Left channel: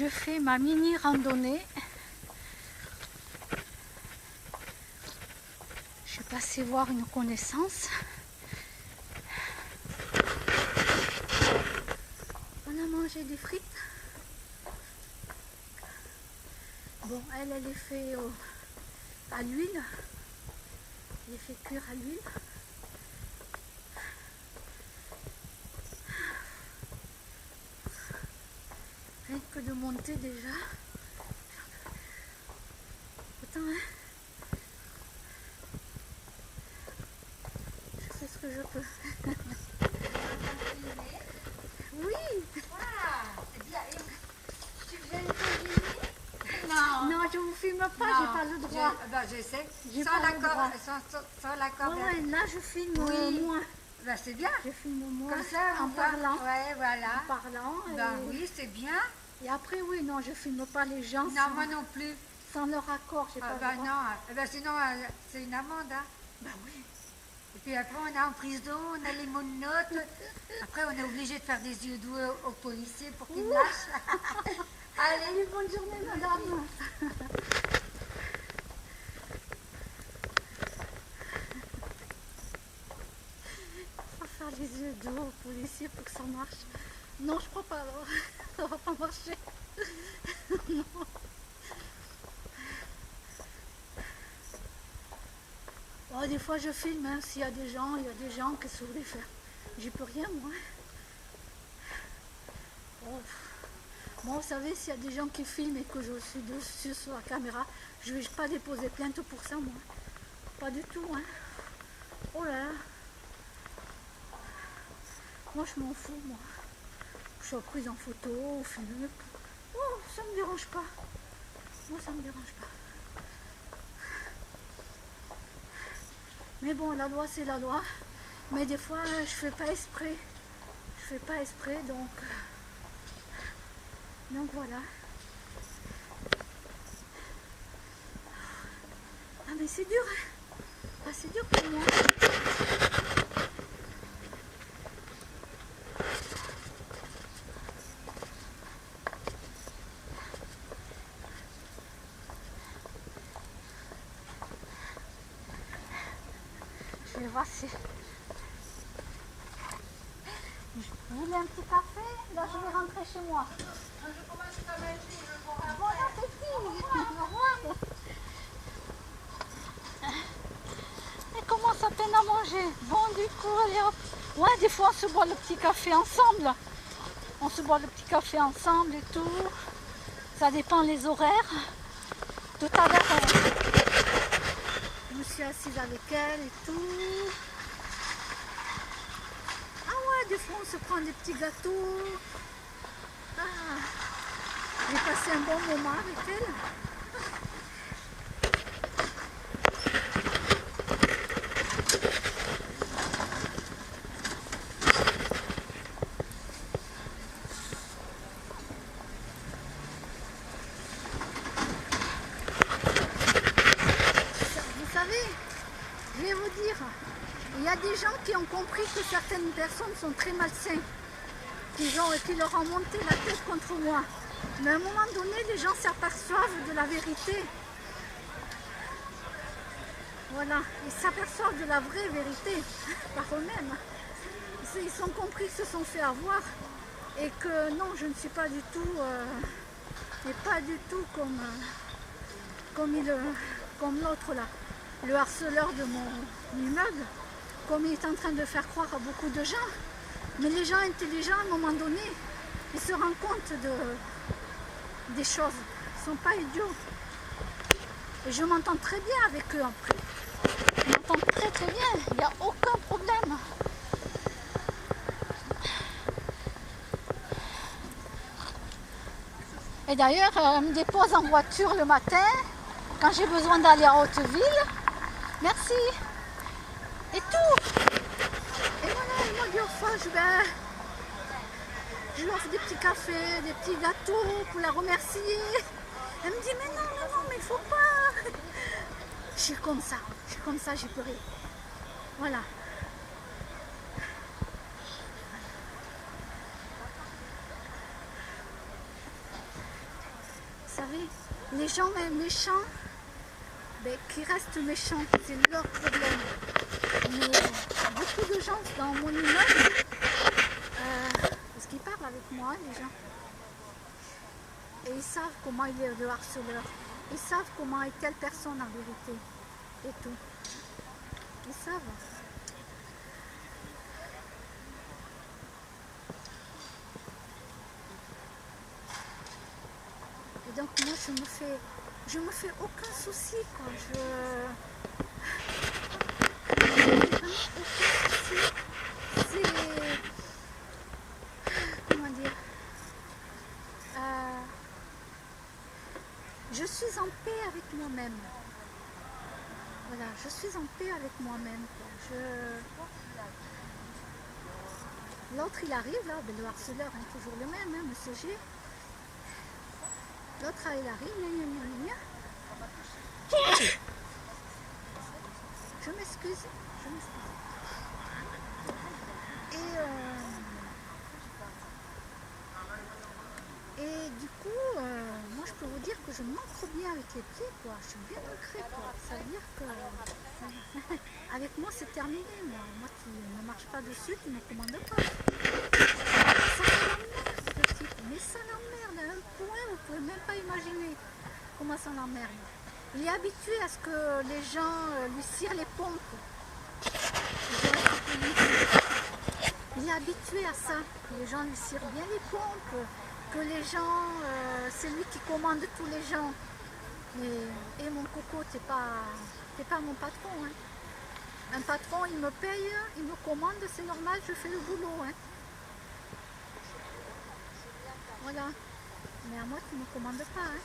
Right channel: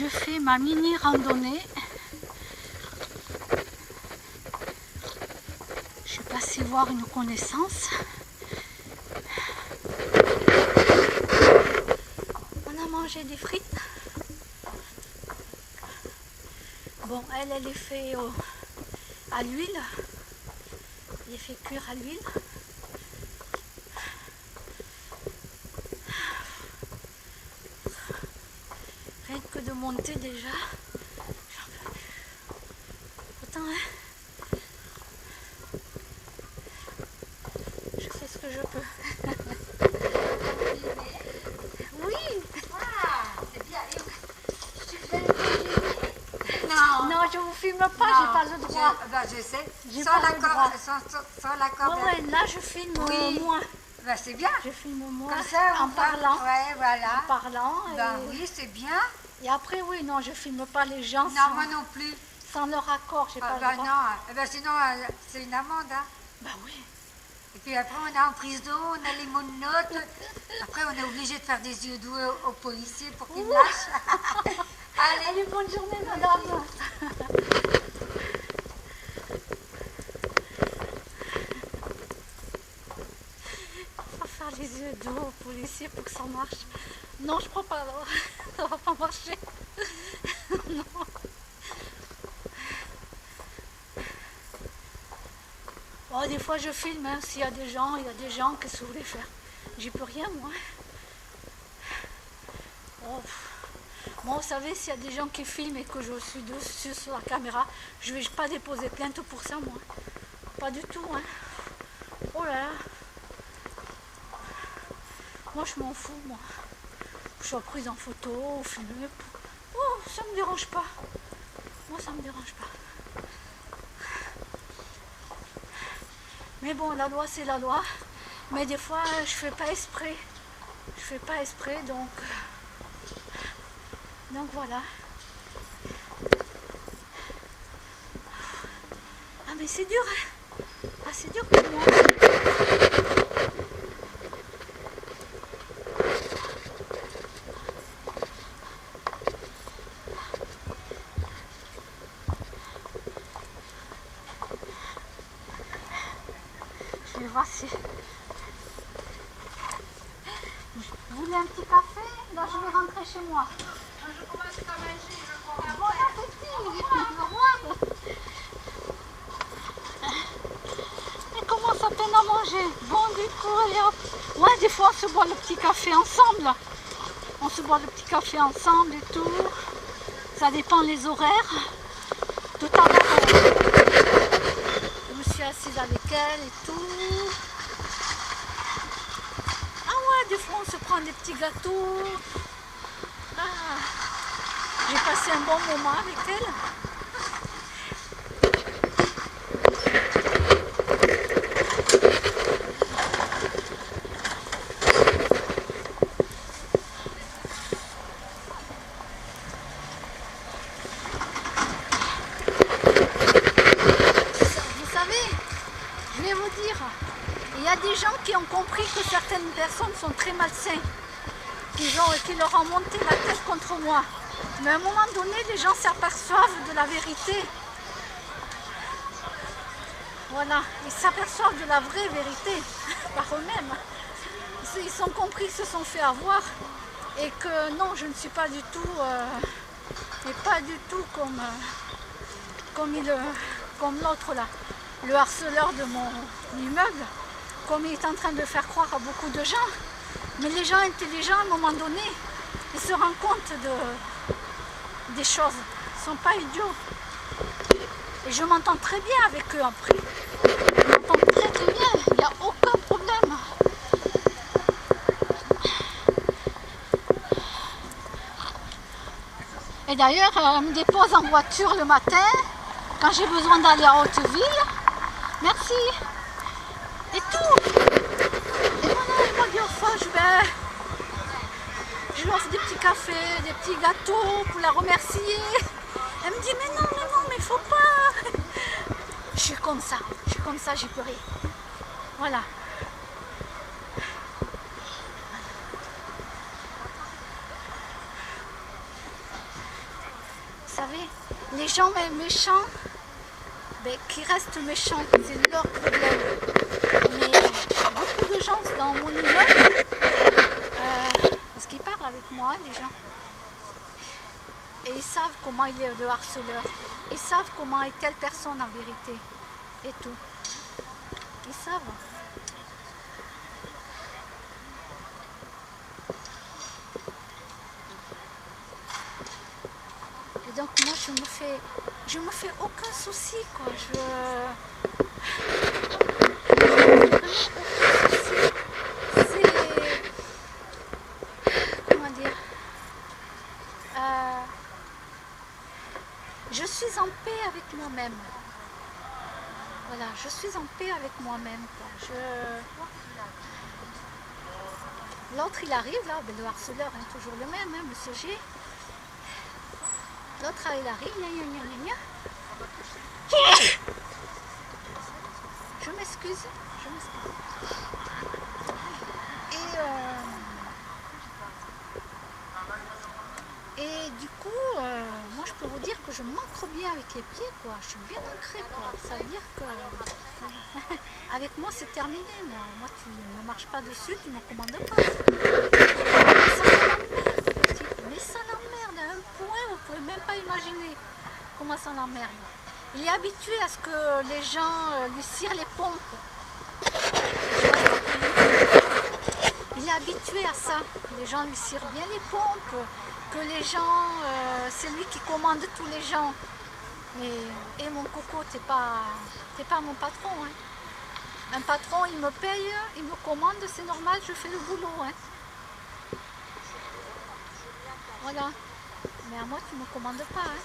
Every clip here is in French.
je fais ma mini randonnée. Je suis passée voir une connaissance. On a mangé des frites. Bon, elle est fait à l'huile. Elle est fait cuire à l'huile. Rien que de monter déjà. Autant, hein. Je fais ce que je peux. Oui. C'est bien. Non, je vous filme pas, j'ai pas le droit. Je sais. J'ai Sans pas le droit. l'accord. Ouais, là je filme Oui. moi. C'est bien. Je filme moi Comme ça, en parlant. Ouais, voilà. En parlant. Oui, c'est bien. Et après, oui, non, je filme pas les gens Non, moi non plus. sans leur accord, j'ai pas le droit. Non, sinon c'est une amende. Hein. Bah oui. Et puis après on est en prison, on a les mononotes. Après on est obligé de faire des yeux doux aux policiers pour qu'ils lâchent. Allez, bonne journée, madame. On va faire les yeux doux aux policiers pour que ça marche. Non, je crois pas, alors. Ça va pas marcher. Non. Bon, des fois je filme, hein. S'il y a des gens, qu'est-ce que vous voulez faire? J'y peux rien, moi. Oh. Moi, vous savez, s'il y a des gens qui filment et que je suis dessus sur la caméra, je vais pas déposer plainte pour ça, moi. Pas du tout, hein. Oh là là. Moi, je m'en fous, moi. Que je sois prise en photo ou filmée. Oh, ça me dérange pas. Moi, ça me dérange pas. Mais bon, la loi, c'est la loi. Mais des fois, je fais pas exprès. Je fais pas exprès, donc voilà. Ah mais c'est dur, hein. Ah c'est dur pour moi. Je vais voir si... Vous voulez un petit café? Là je vais rentrer chez moi. Je commence à manger, Bon appétit. Au revoir. Elle commence à peine à manger. Bon du coup, allez hop. Ouais, des fois on se boit le petit café ensemble. On se boit le petit café ensemble et tout. Ça dépend les horaires. Tout à l'heure, je me suis assise avec elle et tout. Ah ouais, des fois on se prend des petits gâteaux. Ah, j'ai passé un bon moment avec elle. Vous savez, je vais vous dire, il y a des gens qui ont compris que certaines personnes sont très malsaines, qui leur ont monté la tête contre moi. Mais à un moment donné, les gens s'aperçoivent de la vérité. Voilà, ils s'aperçoivent de la vraie vérité par eux-mêmes. Ils ont compris, ils se sont fait avoir et que non, je ne suis pas du tout, et pas du tout comme l'autre là, le harceleur de mon immeuble, comme il est en train de faire croire à beaucoup de gens. Mais les gens intelligents, à un moment donné, ils se rendent compte des choses. Ils ne sont pas idiots. Et je m'entends très bien avec eux après. Je m'entends très très bien, il n'y a aucun problème. Et d'ailleurs, elle me dépose en voiture le matin, quand j'ai besoin d'aller à Hauteville. Merci. Et tout. Et voilà, elle m'a dit, enfin, je lui offre des petits cafés, des petits gâteaux pour la remercier. Elle me dit, mais non, mais il faut pas. Je suis comme ça, j'y peux rien. Voilà. savez, les gens méchants, ben, qui restent méchants, c'est leur problème. Mais beaucoup de gens dans mon immeuble, parce qu'ils parlent avec moi, les gens, et ils savent comment il est le harceleur. Ils savent comment est telle personne en vérité. Et tout. Ils savent. Et donc moi je me fais aucun souci quoi. Vraiment aucun souci. C'est comment dire. Je suis en paix avec moi-même. Voilà, je suis en paix avec moi-même. L'autre il arrive là, ben, le harceleur est toujours le même, hein, Monsieur G. L'autre il arrive, gna, gna, gna, gna. Je m'excuse. Et du coup, moi je peux vous dire que je m'ancre bien avec les pieds, quoi. Je suis bien ancrée, quoi. Ça veut dire que avec moi c'est terminé. Moi tu ne marches pas dessus, tu ne me commandes pas. Ça l'emmerde, le type. Mais ça l'emmerde à un point, vous ne pouvez même pas imaginer comment ça l'emmerde. Il est habitué à ce que les gens lui cirent les pompes. Il est habitué à ça, que les gens lui cirent bien les pompes, que les gens, c'est lui qui commande tous les gens. Et mon coco, t'es pas mon patron. Hein. Un patron, il me paye, il me commande, c'est normal, je fais le boulot. Hein. Voilà. Mais à moi, tu ne me commandes pas. Hein.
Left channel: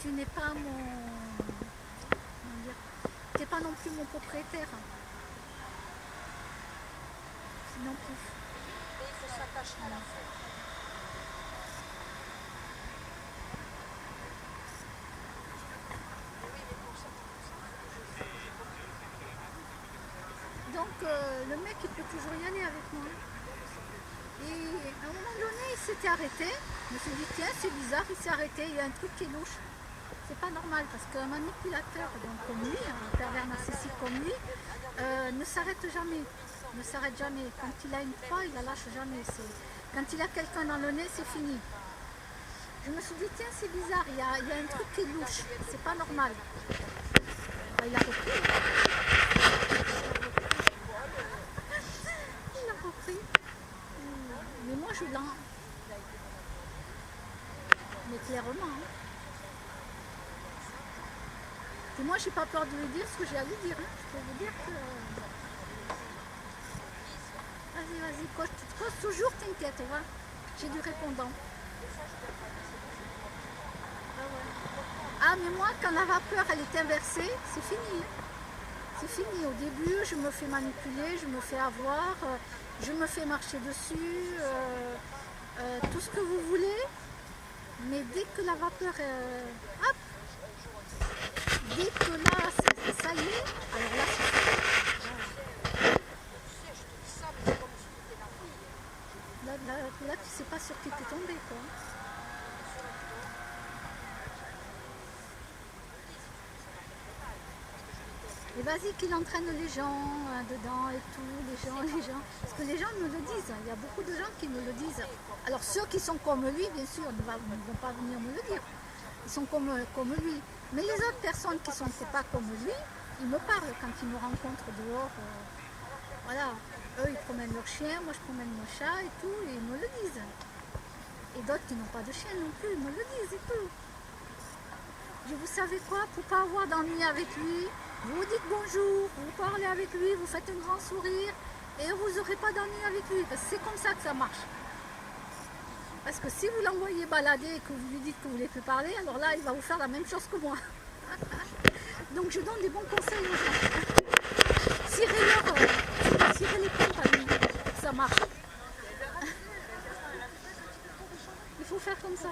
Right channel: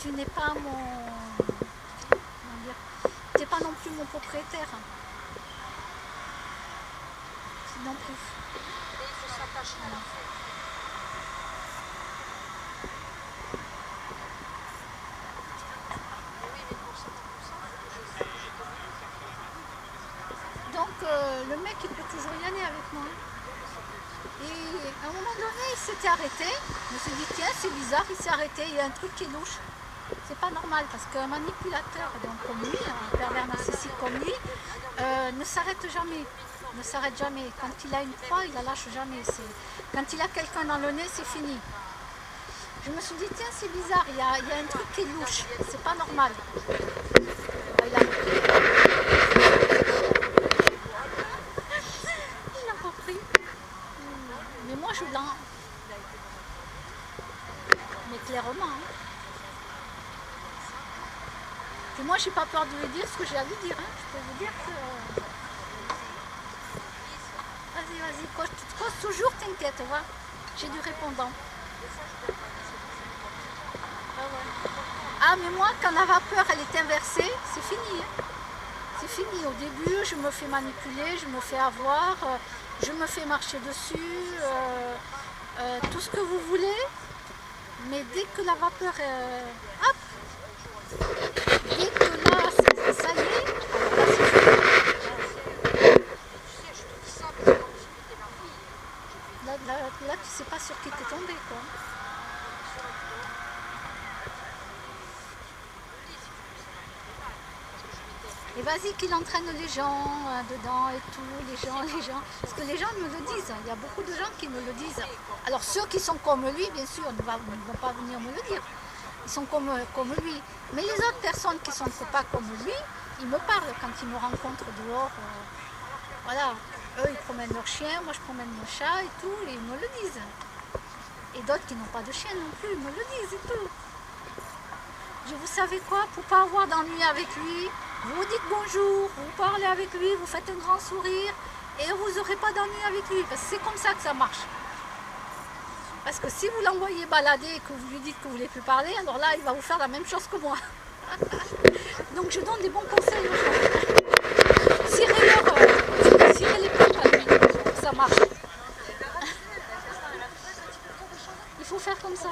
Tu n'es pas tu n'es pas non plus mon propriétaire. Non plus. Et il faut s'attacher à la fin. Oui, mais pour ça, donc le mec il peut toujours y aller avec moi. Et à un moment donné il s'était arrêté. Je me suis dit tiens c'est bizarre, il s'est arrêté, il y a un truc qui est louche. C'est pas normal parce qu'un manipulateur donc, comme lui, un pervers narcissique comme lui, ne s'arrête jamais. Ne s'arrête jamais. Quand il a une proie, il la lâche jamais. Quand il a quelqu'un dans le nez, c'est fini. Je me suis dit, tiens, c'est bizarre, il y a un truc qui est louche, c'est pas normal. Il a repris. Il a repris. Mais moi, je l'en... Mais clairement. Hein. Et moi, j'ai pas peur de lui dire ce que j'ai à lui dire. Hein. Je peux vous dire que... Vas-y, cause toujours, t'inquiète, va. J'ai du répondant. Ah, mais moi, quand la vapeur, elle est inversée, c'est fini. Hein. C'est fini. Au début, je me fais manipuler, je me fais avoir, je me fais marcher dessus, tout ce que vous voulez. Mais dès que la vapeur, hop, dès que là, ça y est, alors là, c'est fini. Là, tu sais pas sur qui t'es tombé, quoi. Et vas-y qu'il entraîne les gens dedans et tout, les gens. Parce que les gens me le disent, il y a beaucoup de gens qui me le disent. Alors ceux qui sont comme lui, bien sûr, ne vont pas venir me le dire. Ils sont comme lui. Mais les autres personnes qui ne sont pas comme lui, ils me parlent quand ils me rencontrent dehors. Voilà, eux ils promènent leur chien, moi je promène mon chat et tout, et ils me le disent. Et d'autres qui n'ont pas de chien non plus, ils me le disent et tout. Vous savez quoi, pour ne pas avoir d'ennui avec lui, vous dites bonjour, vous parlez avec lui, vous faites un grand sourire, et vous n'aurez pas d'ennui avec lui, parce que c'est comme ça que ça marche. Parce que si vous l'envoyez balader et que vous lui dites que vous ne voulez plus parler, alors là il va vous faire la même chose que moi. Donc je donne des bons conseils aux gens. Cirez les pompes à lui, pour que ça marche. Il faut faire comme ça.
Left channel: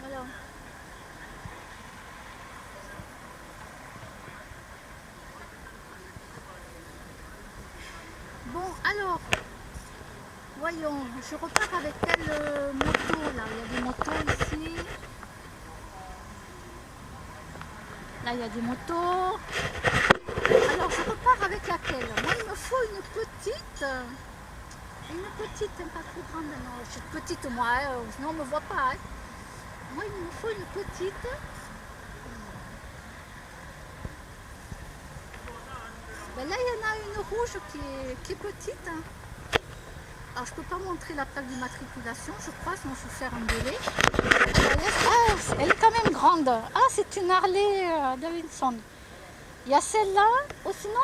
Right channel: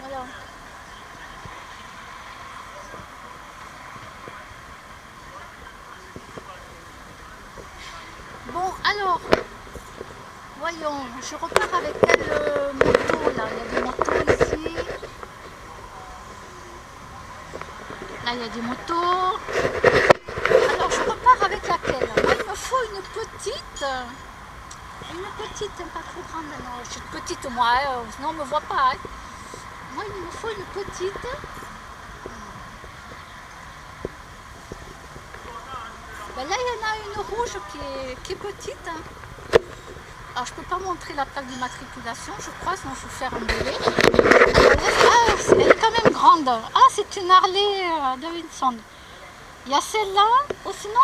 Voilà. Alors, voyons, je repars avec quelle moto là? Il y a des motos ici. Là, il y a des motos. Alors, je repars avec laquelle? Moi, il me faut une petite. Pas trop grande. Non, je suis petite moi, sinon on ne me voit pas. Hein. Moi, il me faut une petite. Ben là, il y en a une rouge qui est petite. Hein. Alors, je ne peux pas montrer la plaque d'immatriculation, je crois, sinon je vais faire un délai. Ah, elle est quand même grande. Ah, c'est une Harley Davidson. Il y a celle-là, ou sinon